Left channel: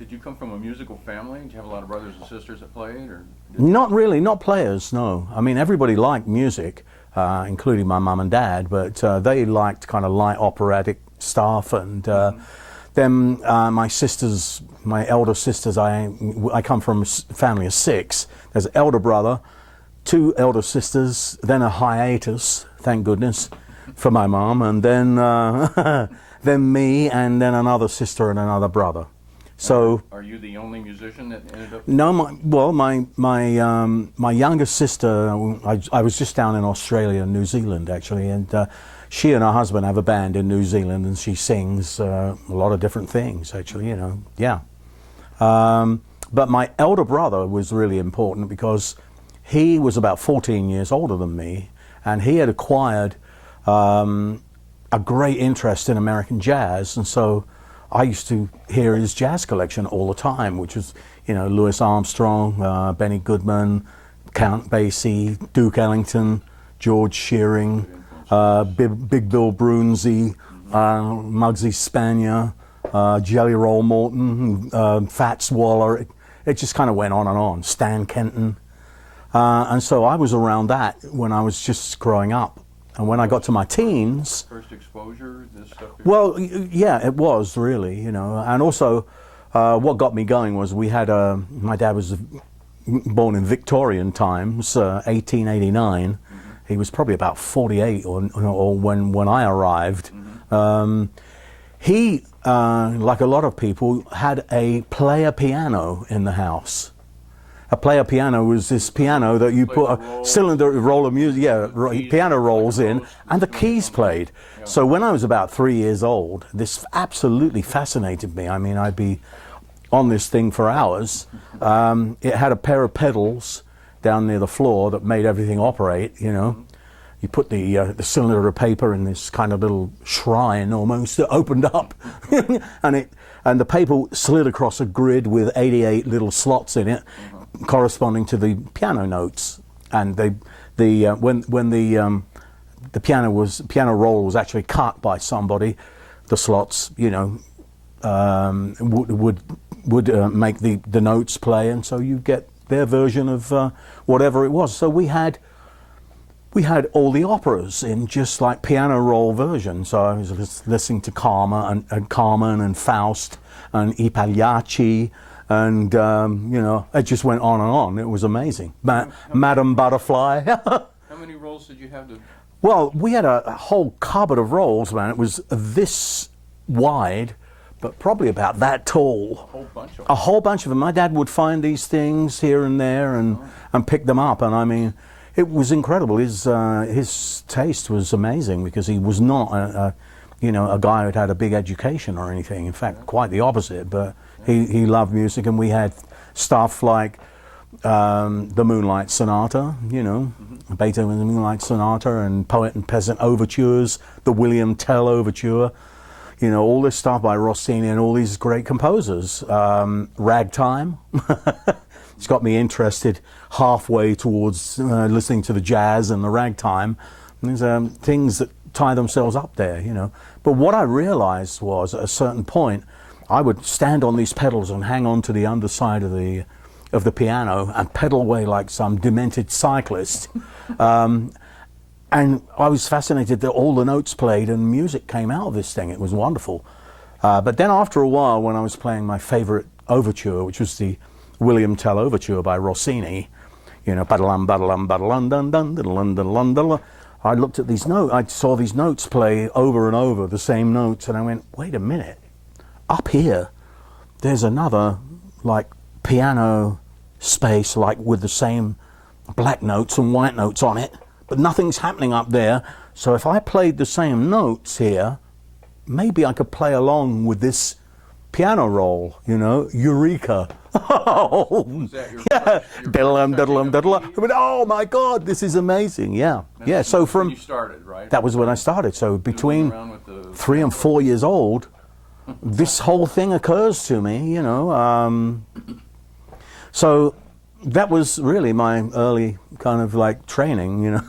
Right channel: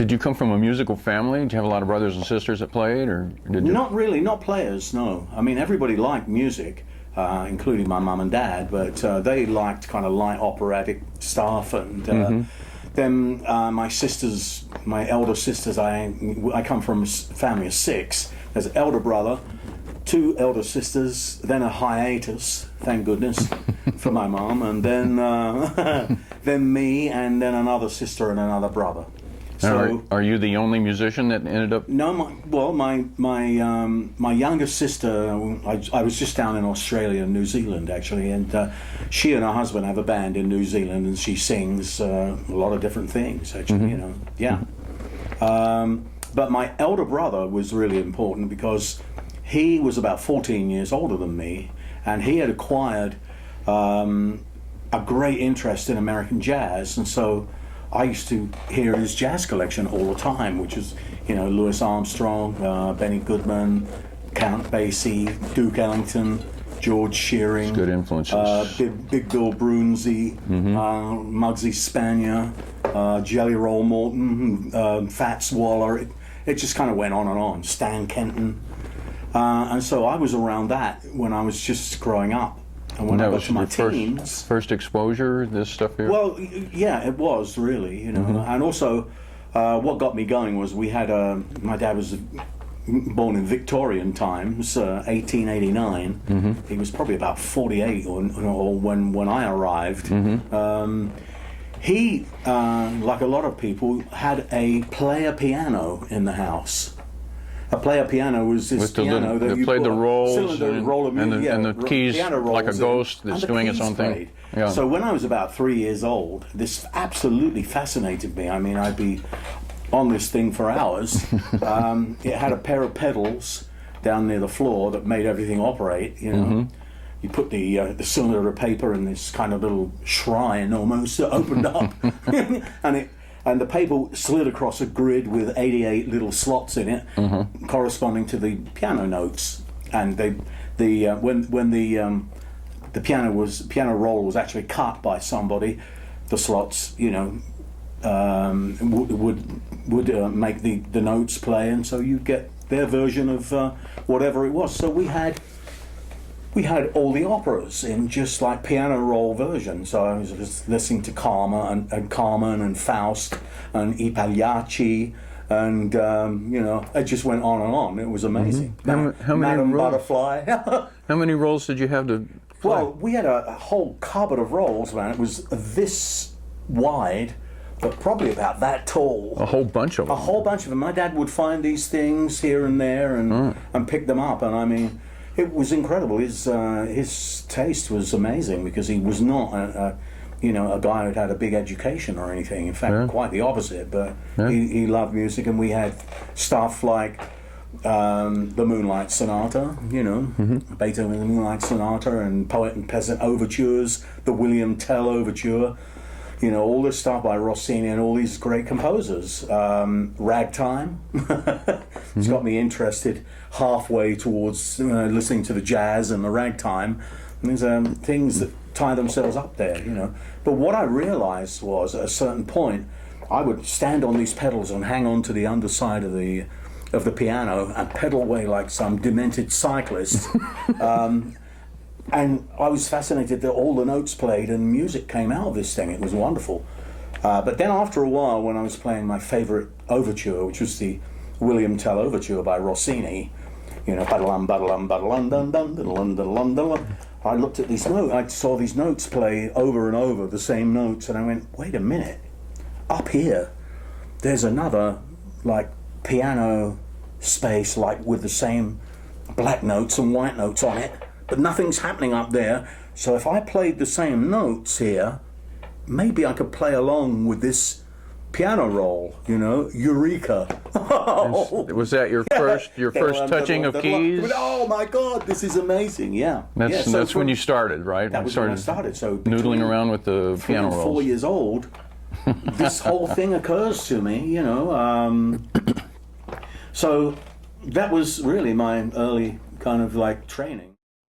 Did you come from a musical family? Did you have a lot of brothers and sisters that played, or did you? Not really, not players, no. I mean, everybody liked music, including my mum and dad, but they liked kind of light operatic stuff. And then my sisters, my elder sisters, I come from a family of 6. There's an elder brother, 2 elder sisters, then a hiatus, thank goodness, for my mum, and then then me, and then another sister and another brother. So, are you the only musician that ended up? No, my youngest sister. I was just down in Australia and New Zealand actually, and she and her husband have a band in New Zealand, and she sings a lot of different things actually. You know, yeah. But my elder brother was really important because he was about 14 years older than me, and he had acquired a great interest in American jazz, and so I used to hear his jazz collection all the time, which is, you know, Louis Armstrong, Benny Goodman, Count Basie, Duke Ellington, George Shearing, good influences. Big Bill Broonzy, Muggsy Spanier, Jelly Roll Morton, Fats Waller. It just kind of went on and on. Stan Kenton. And so I was around that when I was just growing up. And when I got to my teens... First exposure, this stuff here? Well, yeah, it was really, you know. And also, what got me going was we had my dad was born in Victorian times, 1889. He was probably about 48 or when I arrived. He, like a lot of people, had a player piano in the house. A player piano was this piano that you put a cylinder roll of music, piano rolls in, and the keys played. Yeah. So when I was about 3 years old, this absolutely fascinated me. I mean, I'd be on this thing for hours. It had a pair of pedals down near the floor that made everything operate, you know. You put the cylinder of paper in this kind of little shrine almost that opened up, and the paper slid across a grid with 88 little slots in it, corresponding to the piano notes. And when the piano roll was actually cut by somebody, the slots, you know, would make the notes play, and so you get their version of whatever it was. So we had all the operas in just like piano roll version. So I was listening to Carmen and Faust and I Pagliacci, and you know, it just went on and on. It was amazing. Madame Butterfly. How many rolls did you have to? Well, we had a whole cupboard of rolls, man. It was this wide, but probably about that tall. A whole bunch of them. A whole bunch of them. My dad would find these things here and there and pick them up, and I mean, it was incredible. His taste was amazing because he was not a guy who'd had a big education or anything. In fact, quite the opposite. But he loved music, and we had stuff like the Moonlight Sonata, you know, Beethoven's Moonlight Sonata, and Poet and Peasant overtures, the William Tell overture. You know, all this stuff by Rossini and all these great composers. Ragtime. It's got me interested halfway towards listening to the jazz and the ragtime. And there's things that tie themselves up there, you know. But what I realized was, at a certain point, I would stand on these pedals and hang on to the underside of the piano and pedal away like some demented cyclist. And I was fascinated that all the notes played and music came out of this thing. It was wonderful. But then after a while, when I was playing my favorite overture, which was the William Tell overture by Rossini, you know, I looked at these notes, I saw these notes play over and over, the same notes, and I went, wait a minute, up here, there's another, like, piano space, like, with the same black notes and white notes on it, but nothing's happening up there. So if I played the same notes here, maybe I could play along with this piano roll, you know, eureka. Was that your first touching of keys? Oh my God, this is amazing, yeah. That's when you started, right? That was when I started. So between around with the 3 and 4 years old, this whole thing occurs to me, you know. So that was really my early kind of like training, you know.